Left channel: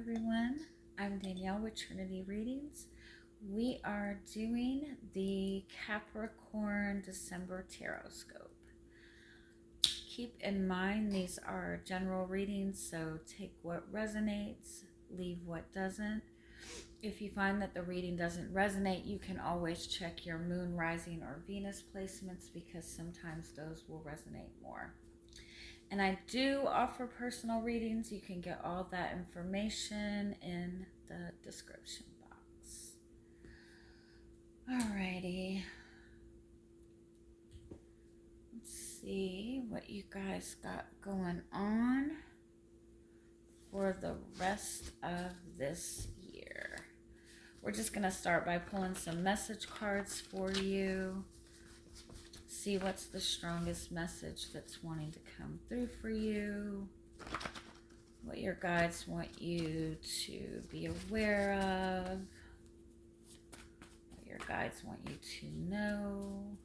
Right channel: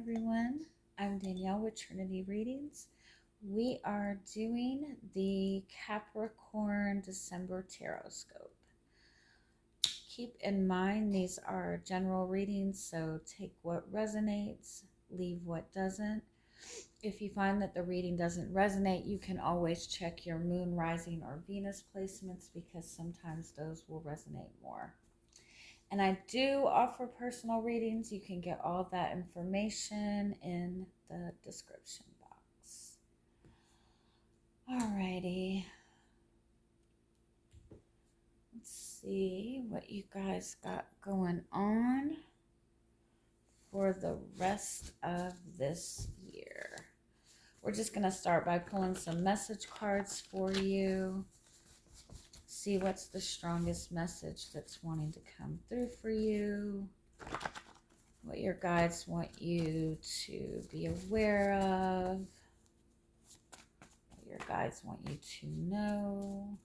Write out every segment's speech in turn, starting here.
everyone. I'm Danielle with Trinity Readings. We are doing the Capricorn December Tarotscope. Keep in mind these are general readings, so take what resonates, leave what doesn't. If you find that the reading doesn't resonate, you can always check your moon, rising, or Venus placements because sometimes those will resonate more. And I do offer personal readings. You can get all that information in the description box. Alrighty. Let's see what you guys got going on for the rest of this year. We're just going to start by pulling some message cards for you. See what's the strongest message that's wanting to come through for you. What your guides want you to be aware of. What your guides want you to know.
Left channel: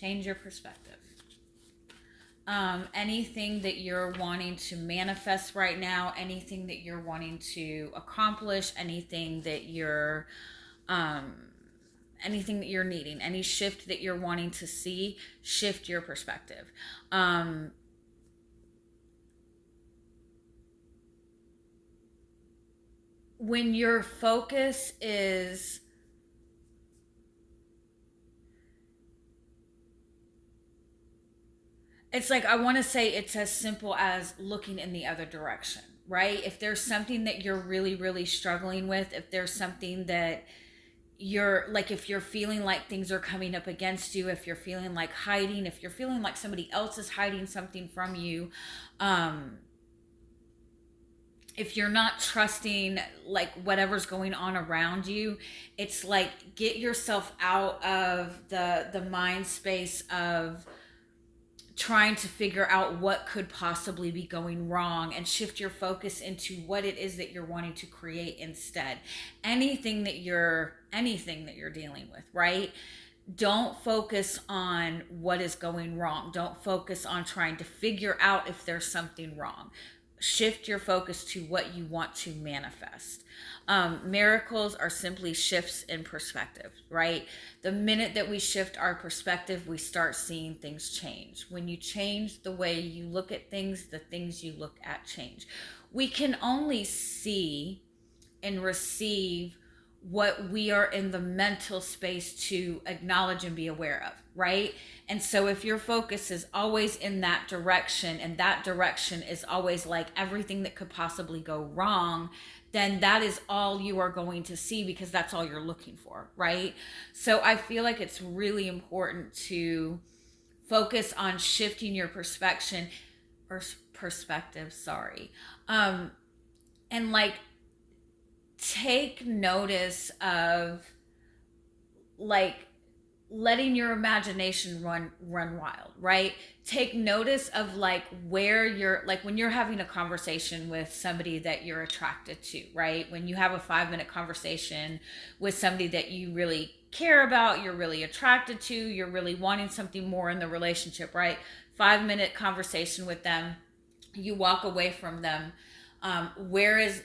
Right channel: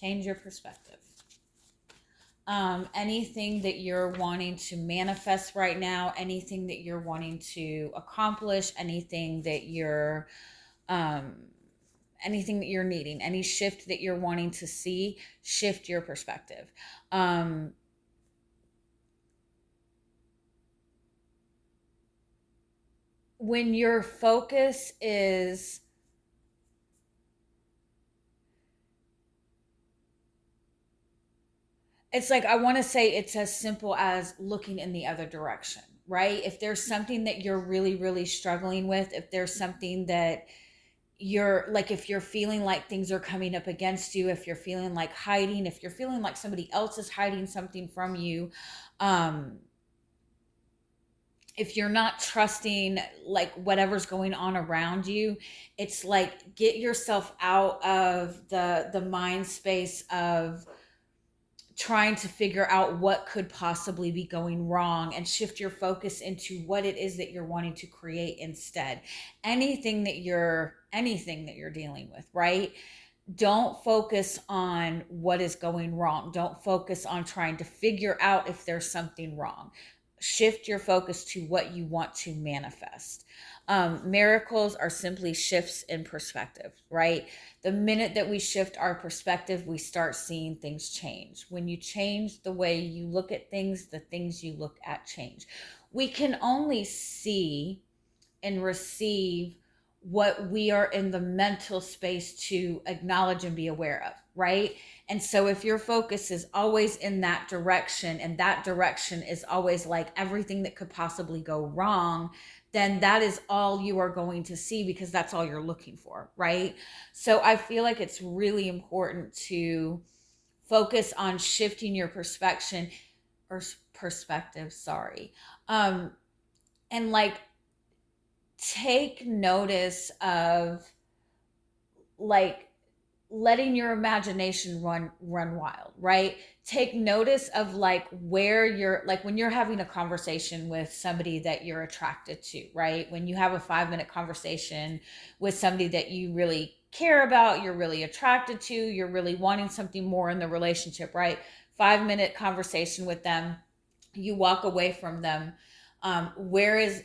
Change your perspective. Anything that you're wanting to manifest right now, anything that you're wanting to accomplish, anything that you're needing, any shift that you're wanting to see, shift your perspective. When your focus is it's like, I want to say it's as simple as looking in the other direction, right? If there's something that you're really, really struggling with, if there's something that you're like, if you're feeling like things are coming up against you, if you're feeling like hiding, if you're feeling like somebody else is hiding something from you, if you're not trusting like whatever's going on around you, it's like, get yourself out of the mind space of trying to figure out what could possibly be going wrong and shift your focus into what it is that you're wanting to create instead. Anything that you're dealing with, right? Don't focus on what is going wrong. Don't focus on trying to figure out if there's something wrong. Shift your focus to what you want to manifest. Miracles are simply shifts in perspective, right? The minute that we shift our perspective, we start seeing things change. When you change the way you look at things, the things you look at change. We can only see and receive what we are in the mental space to acknowledge and be aware of, right? And so if your focus is always in that direction, and that direction is always like everything that could possibly go wrong, then that is all you are going to see because that's all you're looking for, right? So I feel like it's really important to focus on shifting your perspective, and like take notice of like letting your imagination run wild, right? Take notice of like where you're, like when you're having a conversation with somebody that you're attracted to, right? When you have a 5-minute conversation with somebody that you really care about, you're really attracted to, you're really wanting something more in the relationship, right? 5-minute conversation with them, you walk away from them. Where is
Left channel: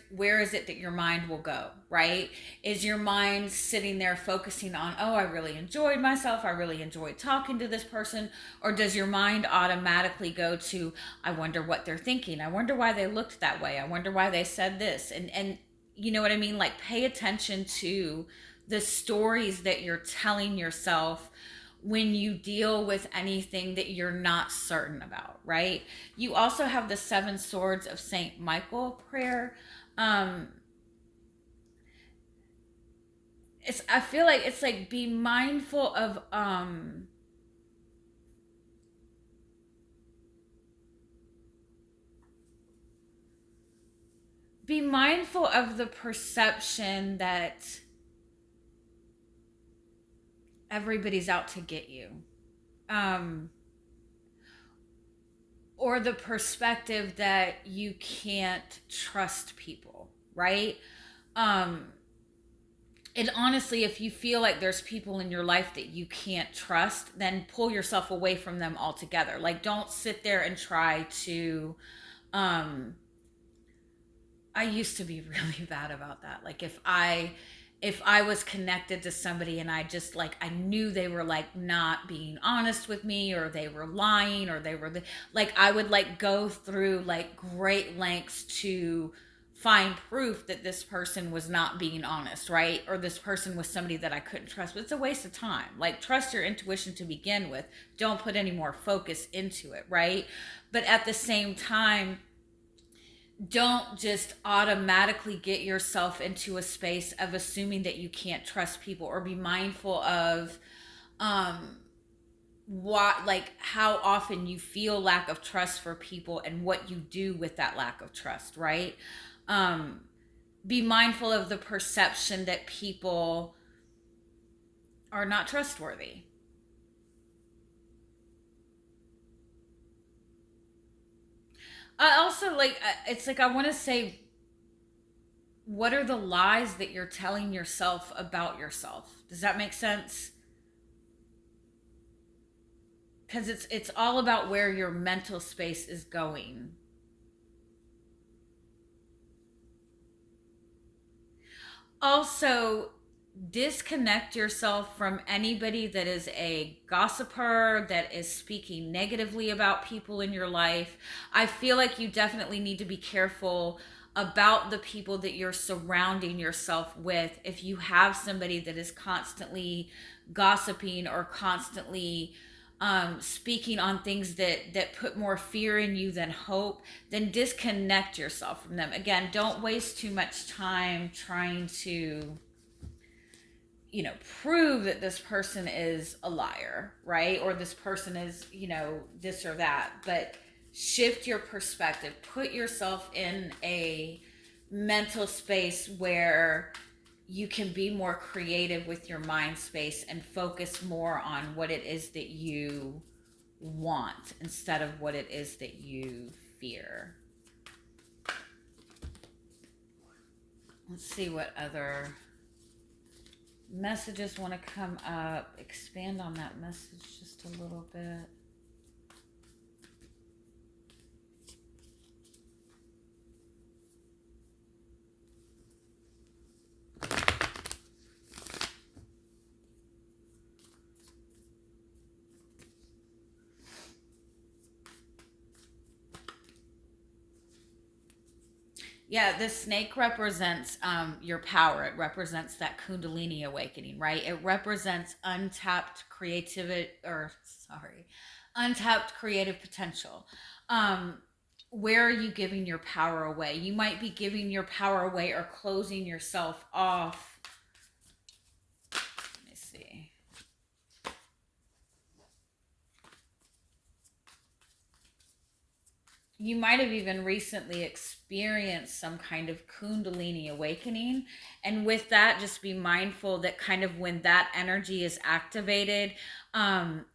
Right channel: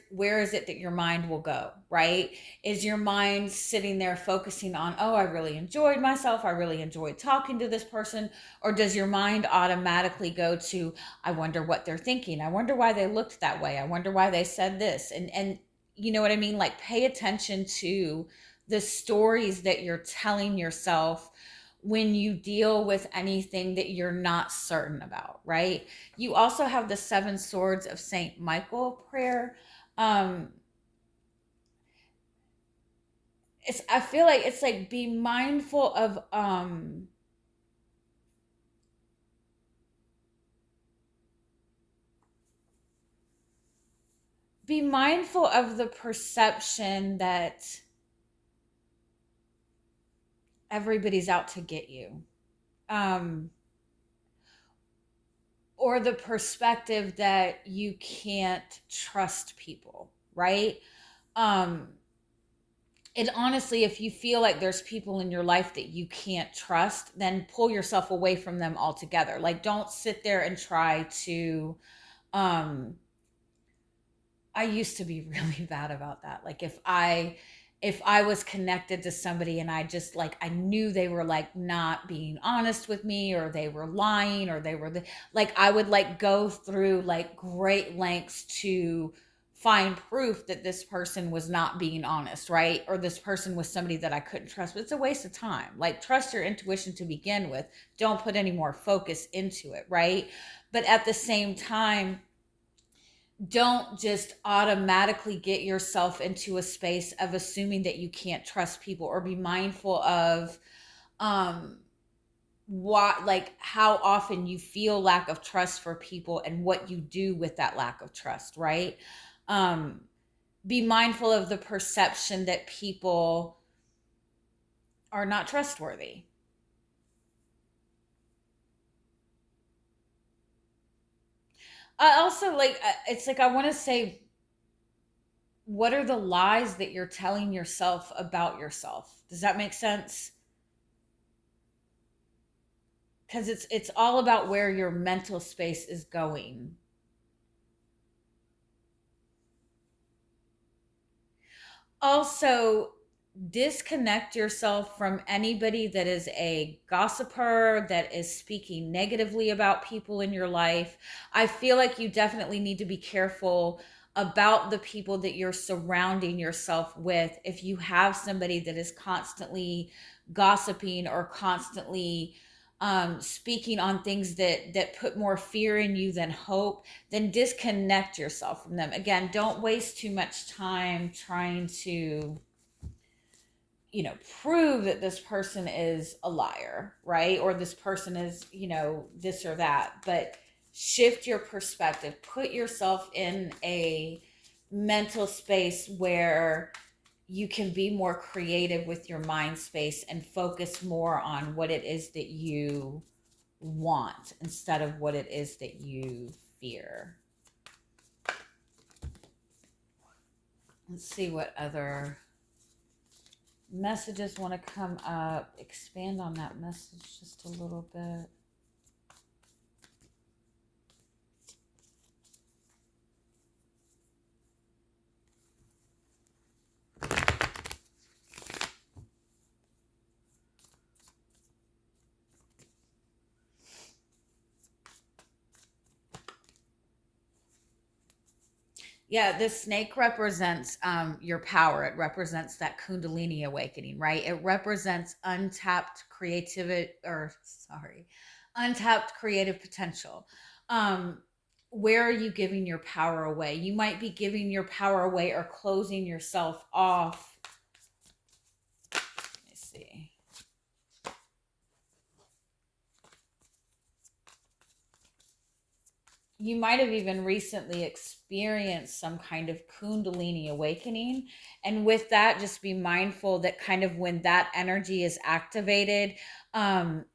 it that your mind will go, right? Is your mind sitting there focusing on, oh, I really enjoyed myself, I really enjoyed talking to this person? Or does your mind automatically go to, I wonder what they're thinking, I wonder why they looked that way, I wonder why they said this? And you know what I mean? Like, pay attention to the stories that you're telling yourself when you deal with anything that you're not certain about, right? You also have the 7 swords of Saint Michael prayer. I feel like it's like, be mindful of the perception that everybody's out to get you, um, or the perspective that you can't trust people, right? Um, and honestly, if you feel like there's people in your life that you can't trust, then pull yourself away from them altogether. Like, don't sit there and try to, um, I used to be really bad about that. Like if I was connected to somebody and I just like I knew they were like not being honest with me, or they were lying, or they were like I would like go through like great lengths to find proof that this person was not being honest, right? Or this person was somebody that I couldn't trust. But it's a waste of time. Like, trust your intuition to begin with. Don't put any more focus into it, right? But at the same time, don't just automatically get yourself into a space of assuming that you can't trust people, or be mindful of um what, like, how often you feel lack of trust for people and what you do with that lack of trust, right? um be mindful of the perception that people are not trustworthy. I also like it's like I want to say, what are the lies that you're telling yourself about yourself? Does that make sense? Because it's all about where your mental space is going. Also, disconnect yourself from anybody that is a gossiper, that is speaking negatively about people in your life. I feel like you definitely need to be careful about the people that you're surrounding yourself with. If you have somebody that is constantly gossiping, or constantly speaking on things that put more fear in you than hope, then disconnect yourself from them. Again, don't waste too much time trying to, prove that this person is a liar, right? Or this person is, this or that. But shift your perspective. Put yourself in a mental space where you can be more creative with your mind space and focus more on what it is that you want instead of what it is that you fear. Let's see what other messages want to come up. Expand on that message just a little bit. Yeah, the snake represents your power. It represents that Kundalini awakening, right? It represents untapped creative potential. Um, where are you giving your power away? You might be giving your power away or closing yourself off. Let me see. You might have even recently experienced some kind of Kundalini awakening. And with that, just be mindful that kind of when that energy is activated,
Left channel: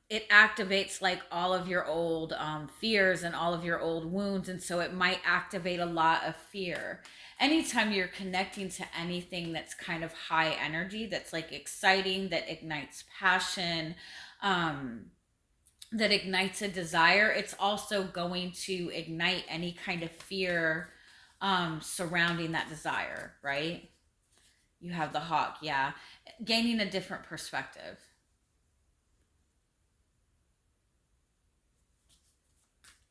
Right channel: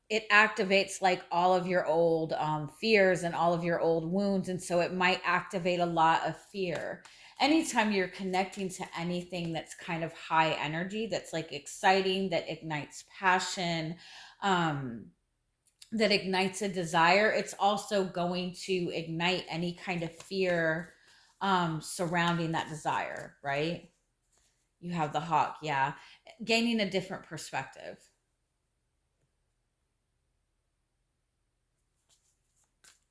it activates like all of your old fears and all of your old wounds. And so it might activate a lot of fear. Anytime you're connecting to anything that's kind of high energy, that's like exciting, that ignites passion, um, that ignites a desire, it's also going to ignite any kind of fear surrounding that desire, right? You have the hawk, yeah. Gaining a different perspective.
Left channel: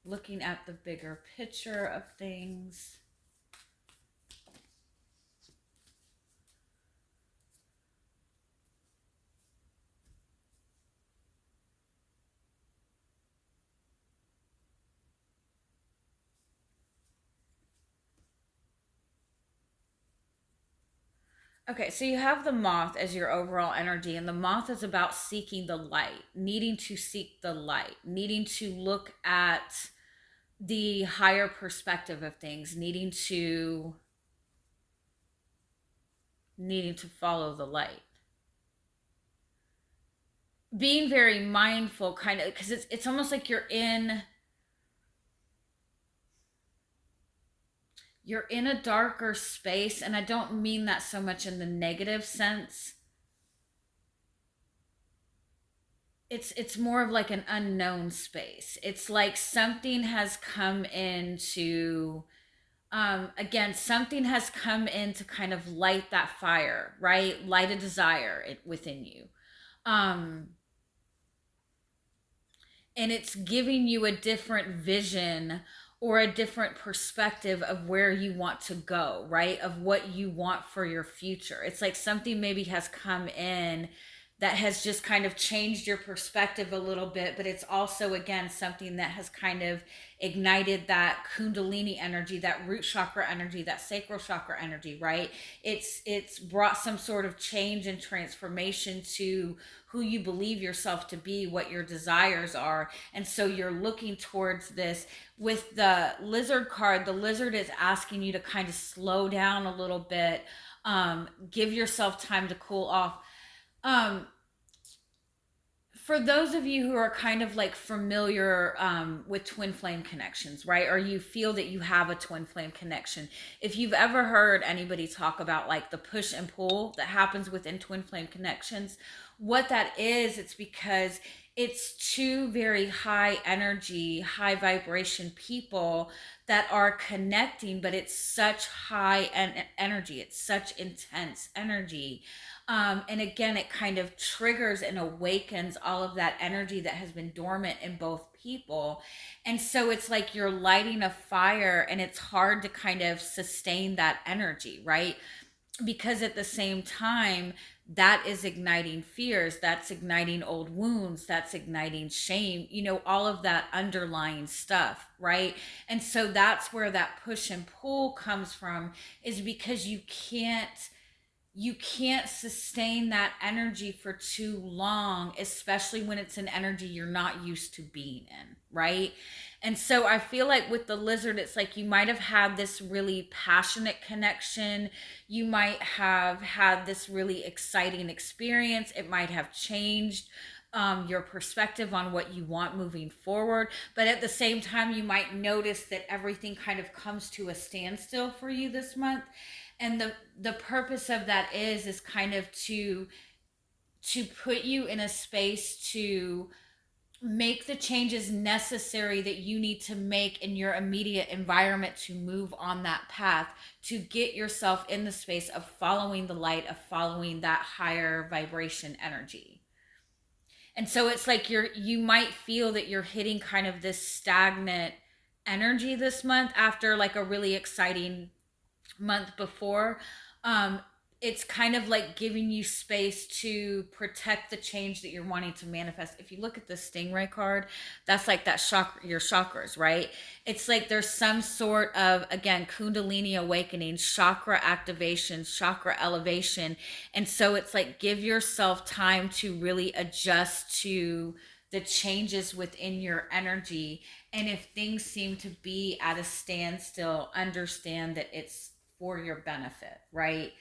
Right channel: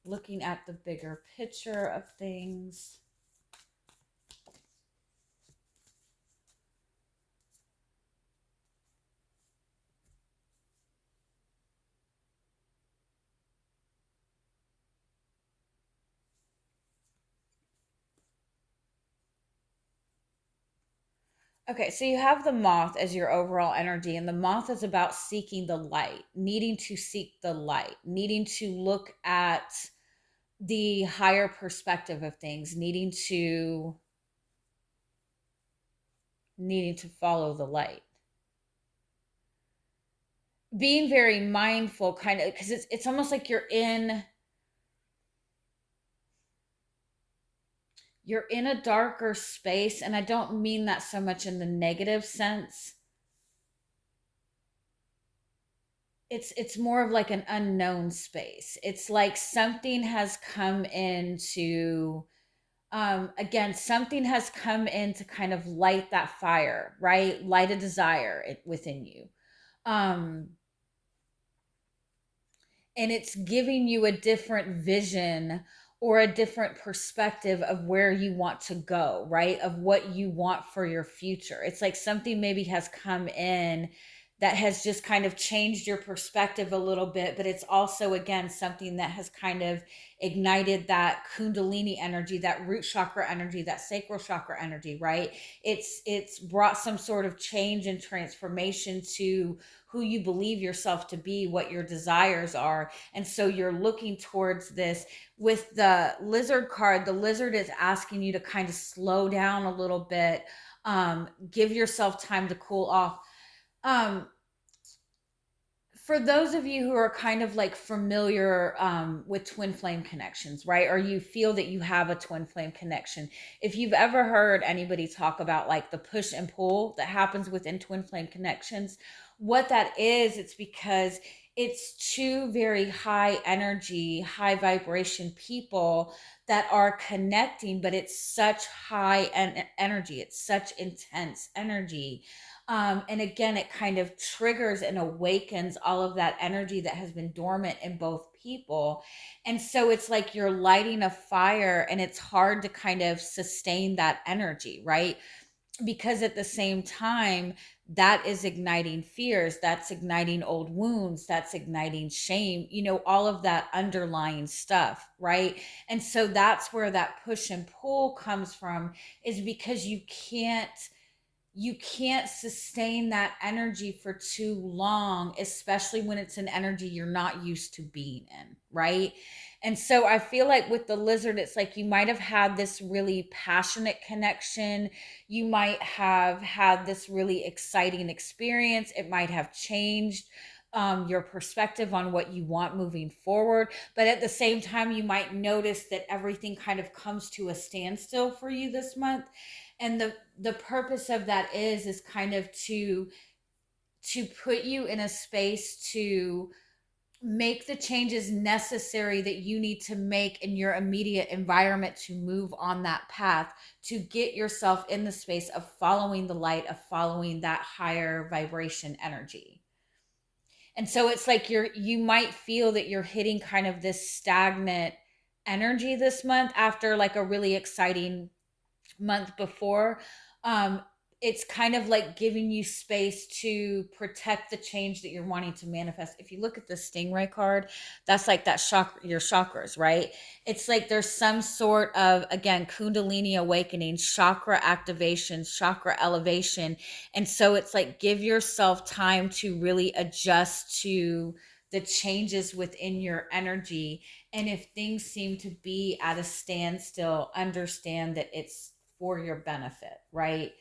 Looking at the bigger picture of things. Okay, so you have the moth as your overall energy, and the moth is about seeking the light, needing to seek the light, needing to look at the higher perspective of things, needing to follow the light. being very mindful, kind of, because it's almost like you're in a darker space, and I don't mean that so much in the negative sense. It's more of like an unknown space. It's like something has come into, again, something has come in to kind of light that fire, right? Light a desire within you. um and it's giving you a different vision or a different perspective of where you want to go, right? Of what you want for your future. It's like something maybe has come in that has just kind of changed your perspective a little bit, but it's also, again, something that has kind of ignited that kundalini energy, that root chakra energy, that sacral chakra energy, right? It's brought some sort of change and transformation to who you believe yourself to be, what your desires are. And so you're looking towards this. With the lizard card, the lizard is asking you to kind of slow down a little bit, give yourself time to cool off. um for those of you who are kind of like familiar, with twin flame connections, right? Or you feel that you have a twin flame connection. If you've ever heard anybody talk about like the push and pull that happens within twin flame connections, what that is, it's because it's two very high energy, high vibration people that are connecting, but it's such energy. It's such intense energy. And again, it kind of triggers and awakens all of that energy that has been dormant in both people. And so it's like you're lighting a fire, and it's hard to kind of sustain that energy, right? Because at the same time, that is igniting fears, that's igniting old wounds, that's igniting shame, all of that underlying stuff, right? And so that's where that push and pull comes from, is because you can't sustain that energy for too long, especially when it's an energy you're not used to being in, right? And so I feel like with the lizard, it's like you might have had this really passionate connection. You might have had this really exciting experience. It might have changed your perspective on what you want moving forward. But at the same time, you might notice that everything kind of comes to a standstill for you this month. And the purpose of that is kind of to put you in a space to make the changes necessary that you need to make in your immediate environment to move on that path, to get yourself in the space of following the light, of following that higher vibration energy. And so it's like you might feel that you're hitting kind of this stagnant energy this month after like a really exciting month before. um it's kind of like giving you space to protect the change that you're wanting to manifest. If you look at the stingray card, that's like that chakra, your chakras, right? It's like there's some sort of, again, kundalini awakening, chakra activation, chakra elevation. And so it's like, give yourself time to really adjust to the changes within your energy. And if things seem to be at a standstill, understand that it's for your benefit, right?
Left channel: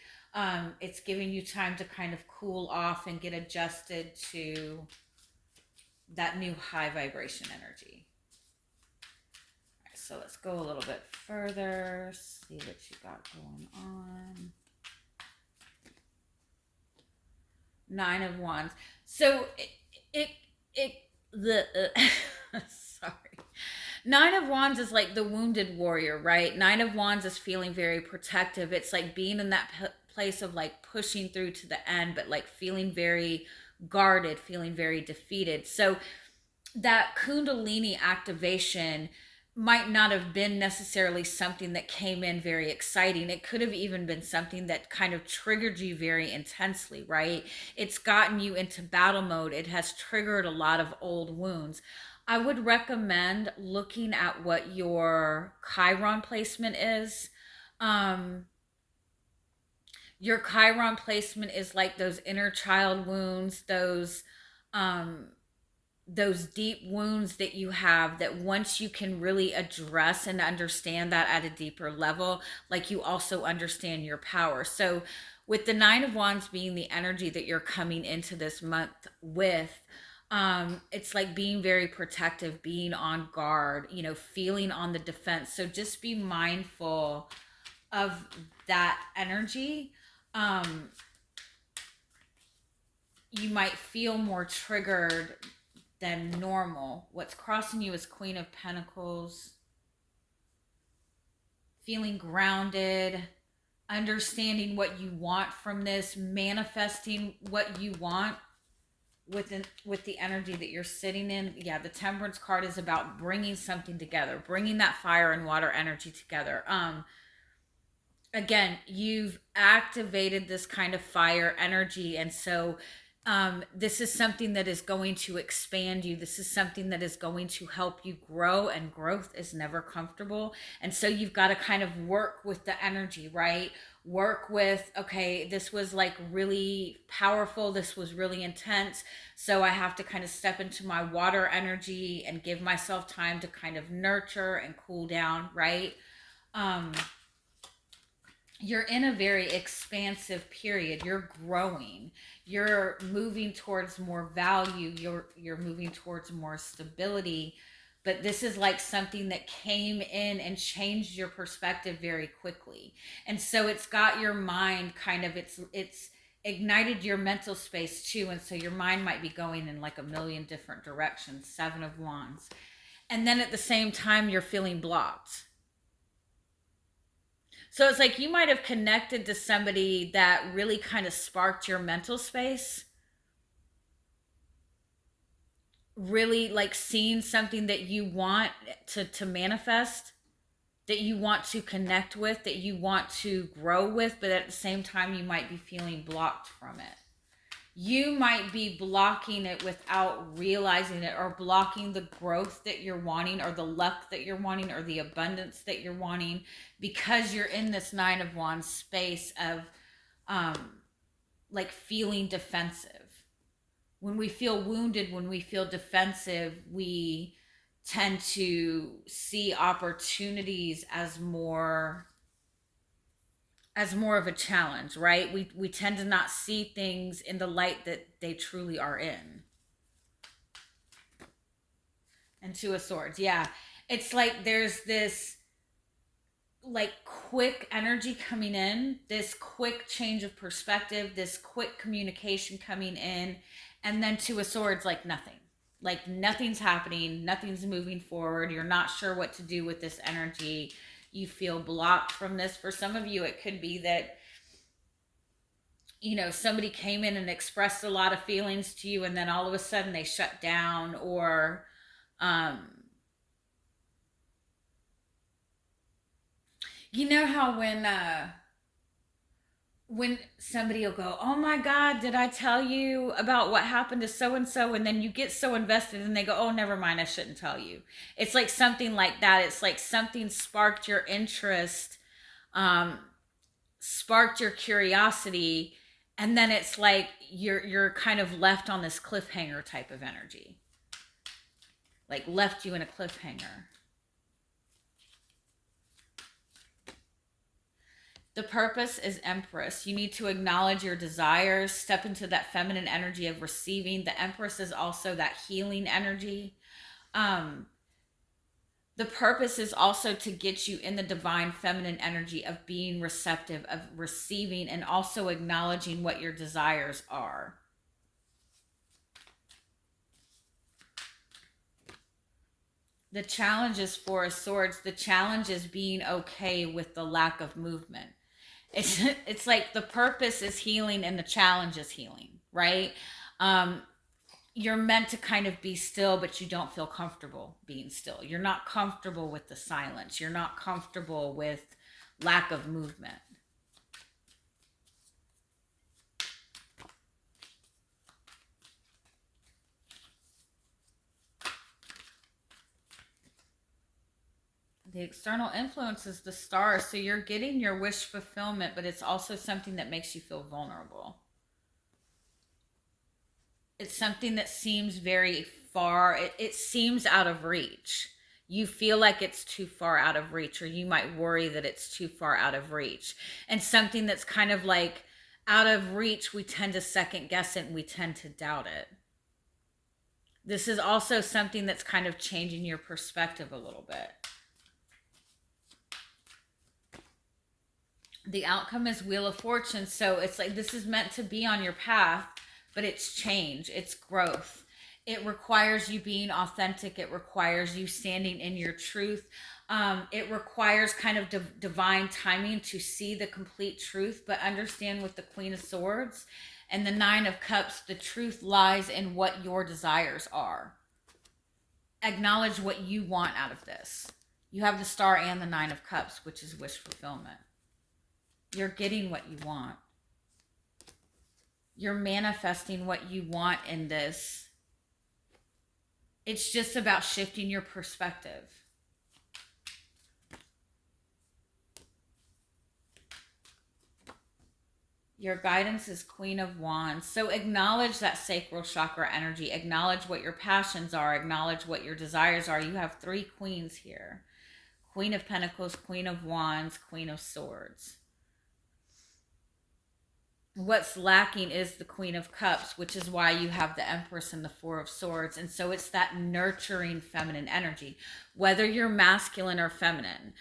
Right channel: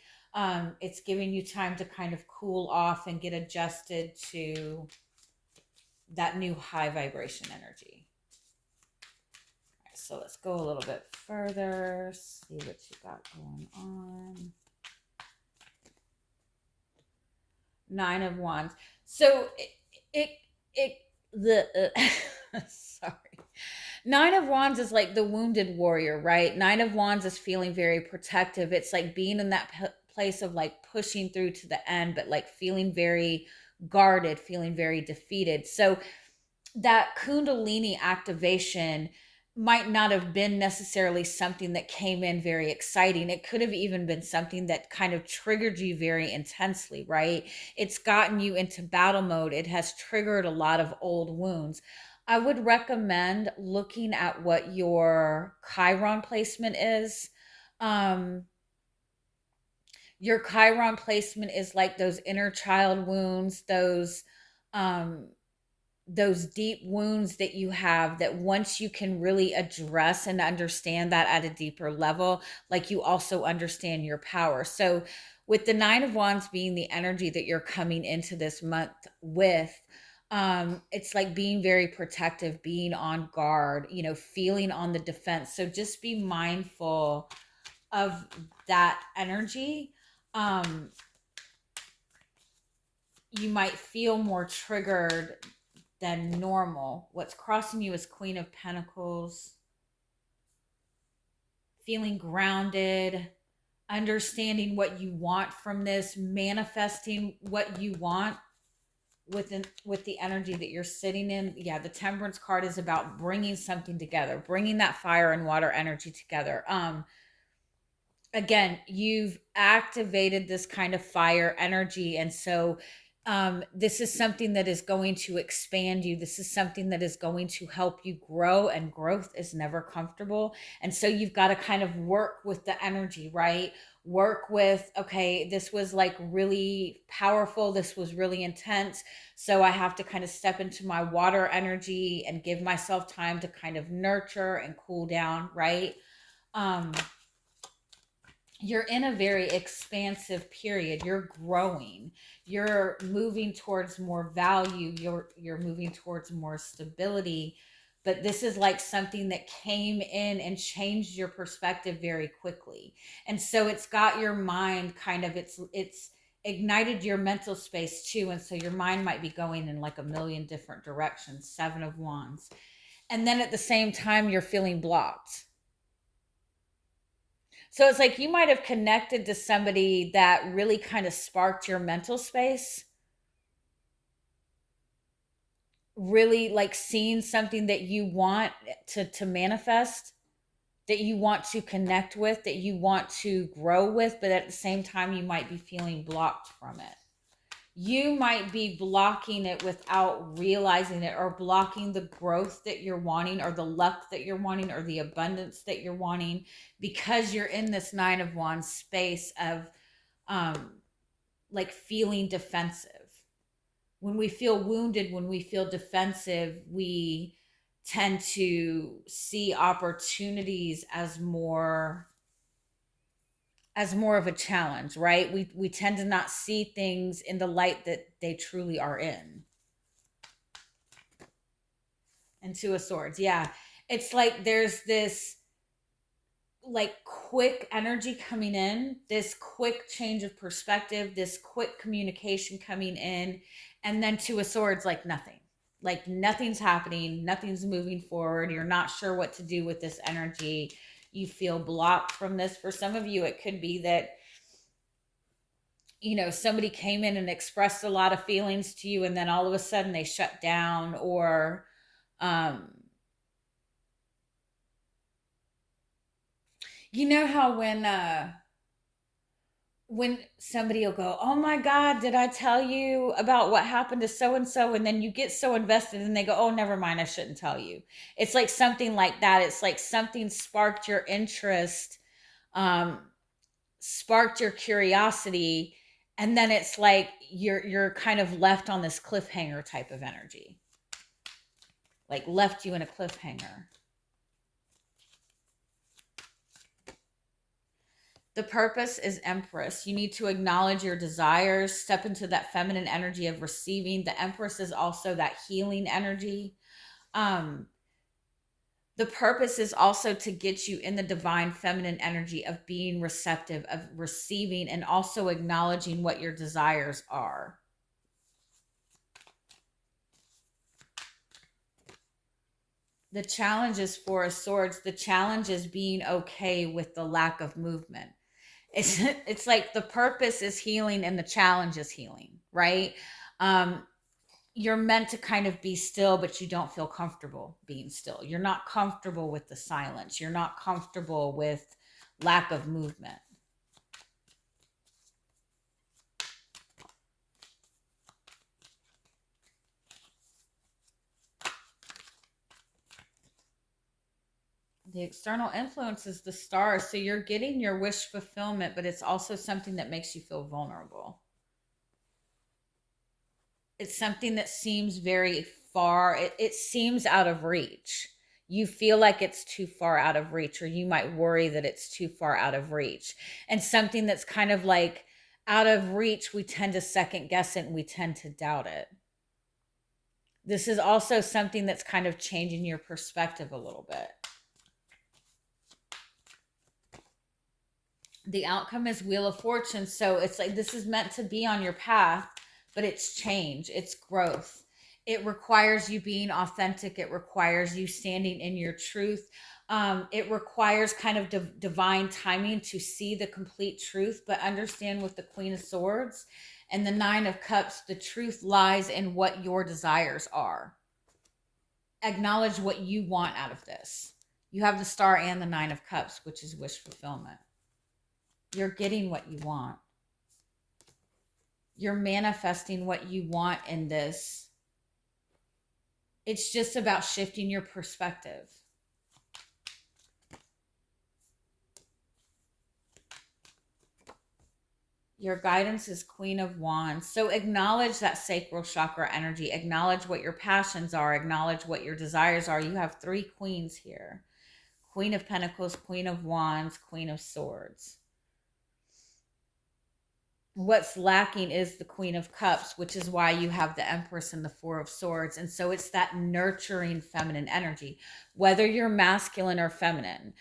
It's giving you time to kind of cool off and get adjusted to that new high vibration energy. All right, so let's go a little bit further, see what you got going on. Nine of Wands. So sorry. Nine of Wands is like the wounded warrior, right? Nine of Wands is feeling very protective. It's like being in that place of like pushing through to the end, but like feeling very guarded, feeling very defeated. So that Kundalini activation might not have been necessarily something that came in very exciting. It could have even been something that kind of triggered you very intensely, right? It's gotten you into battle mode. It has triggered a lot of old wounds. I would recommend looking at what your Chiron placement is. Your Chiron placement is like those inner child wounds, those deep wounds that you have, that once you can really address and understand that at a deeper level, like you also understand your power. So with the Nine of Wands being the energy that you're coming into this month with, It's like being very protective, being on guard, you know, feeling on the defense. So just be mindful of that energy. Um, you might feel more triggered than normal. What's crossing you is Queen of Pentacles. Feeling grounded, understanding what you want from this, manifesting what you want with the energy that you're sitting in. Yeah, the Temperance card is about bringing something together, bringing that fire and water energy together. Again, you've activated this kind of fire energy, and so this is something that is going to expand you. This is something that is going to help you grow, and growth is never comfortable. And so you've got to kind of work with the energy, right? Work with, okay, this was like really powerful, this was really intense, so I have to kind of step into my water energy and give myself time to kind of nurture and cool down, right? You're in a very expansive period. You're growing. You're moving towards more value. You're moving towards more stability. But this is like something that came in and changed your perspective very quickly. And so it's got your mind kind of, it's ignited your mental space too. And so your mind might be going in like a million different directions. 7 of Wands. And then at the same time, you're feeling blocked. So it's like you might have connected to somebody that really kind of sparked your mental space. Really like seeing something that you want to manifest, that you want to connect with, that you want to grow with, but at the same time, you might be feeling blocked from it. You might be blocking it without realizing it, or blocking the growth that you're wanting, or the luck that you're wanting, or the abundance that you're wanting, because you're in this 9 of Wands space of like feeling defensive. When we feel wounded, when we feel defensive, we tend to see opportunities as more of a challenge, right? We tend to not see things in the light that they truly are in. And 2 of Swords, yeah. It's like there's this like quick energy coming in, this quick change of perspective, this quick communication coming in, and then 2 of Swords, like nothing. Like nothing's happening, nothing's moving forward. You're not sure what to do with this energy. You feel blocked from this. For some of you, it could be that, you know, somebody came in and expressed a lot of feelings to you, and then all of a sudden they shut down, or you know how when somebody will go, oh my God, did I tell you about what happened to so and so? And then you get so invested and they go, oh, never mind, I shouldn't tell you. It's like something like that. It's like something sparked your interest, sparked your curiosity, and then it's like you're kind of left on this cliffhanger type of energy. Like left you in a cliffhanger. The purpose is Empress. You need to acknowledge your desires, step into that feminine energy of receiving. The Empress is also that healing energy. The purpose is also to get you in the divine feminine energy of being receptive, of receiving, and also acknowledging what your desires are. The challenge is 4 of Swords. The challenge is being okay with the lack of movement. It's like the purpose is healing and the challenge is healing, right? You're meant to kind of be still, but you don't feel comfortable being still. You're not comfortable with the silence. You're not comfortable with lack of movement. The external influence is the Star. So you're getting your wish fulfillment, but it's also something that makes you feel vulnerable. It's something that seems very far. It seems out of reach. You feel like it's too far out of reach, or you might worry that it's too far out of reach. And something that's kind of like out of reach, we tend to second guess it and we tend to doubt it. This is also something that's kind of changing your perspective a little bit. The outcome is Wheel of Fortune. So it's like this is meant to be on your path, but it's change, it's growth. It requires you being authentic. It requires you standing in your truth. It requires kind of divine timing to see the complete truth, but understand with the Queen of Swords and the Nine of Cups, the truth lies in what your desires are. Acknowledge what you want out of this. You have the Star and the Nine of Cups, which is wish fulfillment. You're getting what you want. You're manifesting what you want in this. It's just about shifting your perspective. Your guidance is Queen of Wands. So acknowledge that sacral chakra energy. Acknowledge what your passions are. Acknowledge what your desires are. You have 3 queens here. Queen of Pentacles, Queen of Wands, Queen of Swords. What's lacking is the Queen of Cups, which is why you have the Empress and the Four of Swords. And so it's that nurturing feminine energy, whether you're masculine or feminine.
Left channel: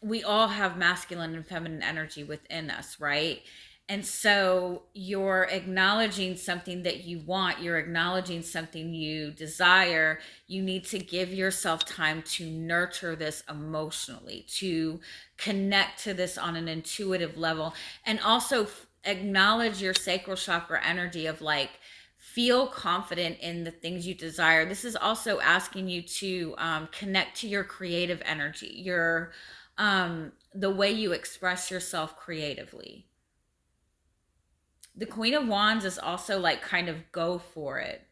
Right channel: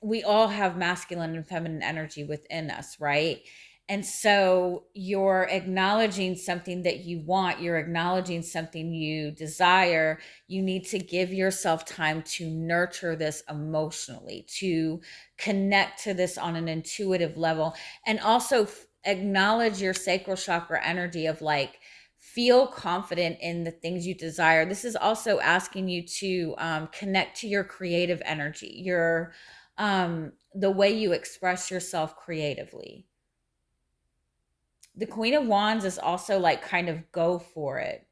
We all have masculine and feminine energy within us, right? And so you're acknowledging something that you want. You're acknowledging something you desire. You need to give yourself time to nurture this emotionally, to connect to this on an intuitive level, and also acknowledge your sacral chakra energy of like, feel confident in the things you desire. This is also asking you to connect to your creative energy, your the way you express yourself creatively. The Queen of Wands is also like kind of go for it.